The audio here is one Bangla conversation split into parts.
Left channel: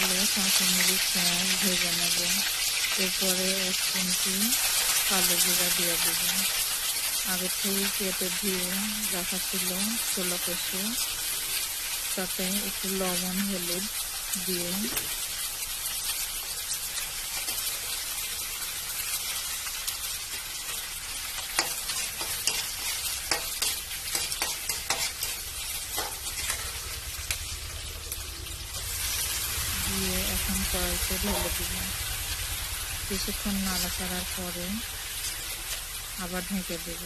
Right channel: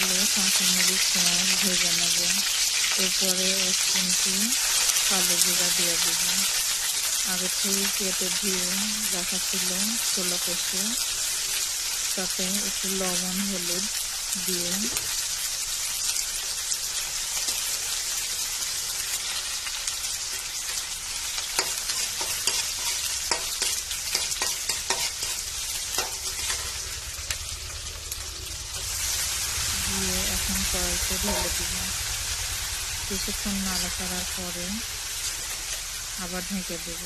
তেলে কাঁচামরিচ পেঁয়াজ ভেজে নেব। এরপরে 1 চিমটি কালো জিরা দিয়ে দেব। আগে থেকে কেটে ধুয়ে রাখা ছিল ছোলা কষু, তাতে একটু লবণ হলুদ দিয়ে এখন কড়াইতে ঢেলে দিব। কিছুক্ষণ নাড়াচাড়ার পরে আবার ঢেকে দেব।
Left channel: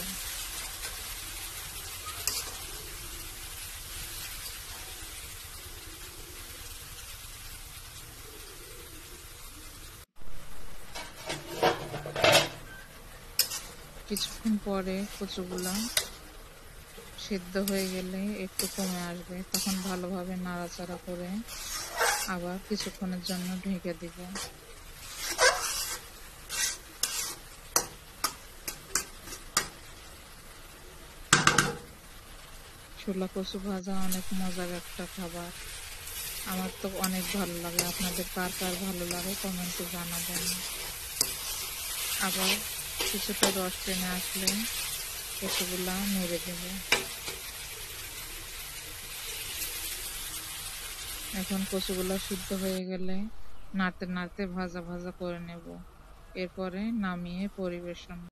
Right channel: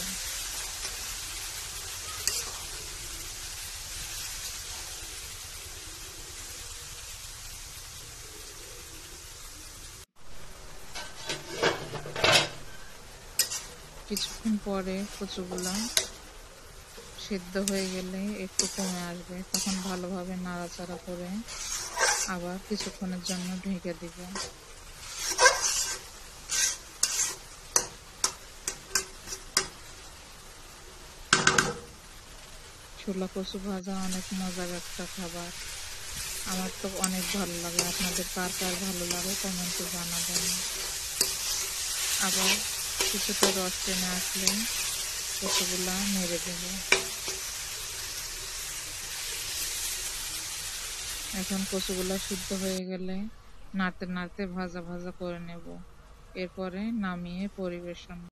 কিছুক্ষণ পরে কচুগুলা সিদ্ধ হয়ে গেলে একটু কমে আসবে, তখন ভালোভাবে নাড়াচাড়া করে আবার কিছুক্ষণের জন্য ঢেকে দিব। ছোলা কচু ভাজা অনেক মজার একটা খাবার। আমার তো অনেক ভালো লাগে। আপনাদের কার কার ভালো লাগে কমেন্টে জানাবেন। আবার কিছুটা রস টেনে আসলে কচুগুলা নেড়ে দেব। এখন কচুগুলা সিদ্ধ হয়ে গেলে নাড়তে নাড়তে ভাজা ভাজা করে নেব। এরপরে নামিয়ে পরিবেশন।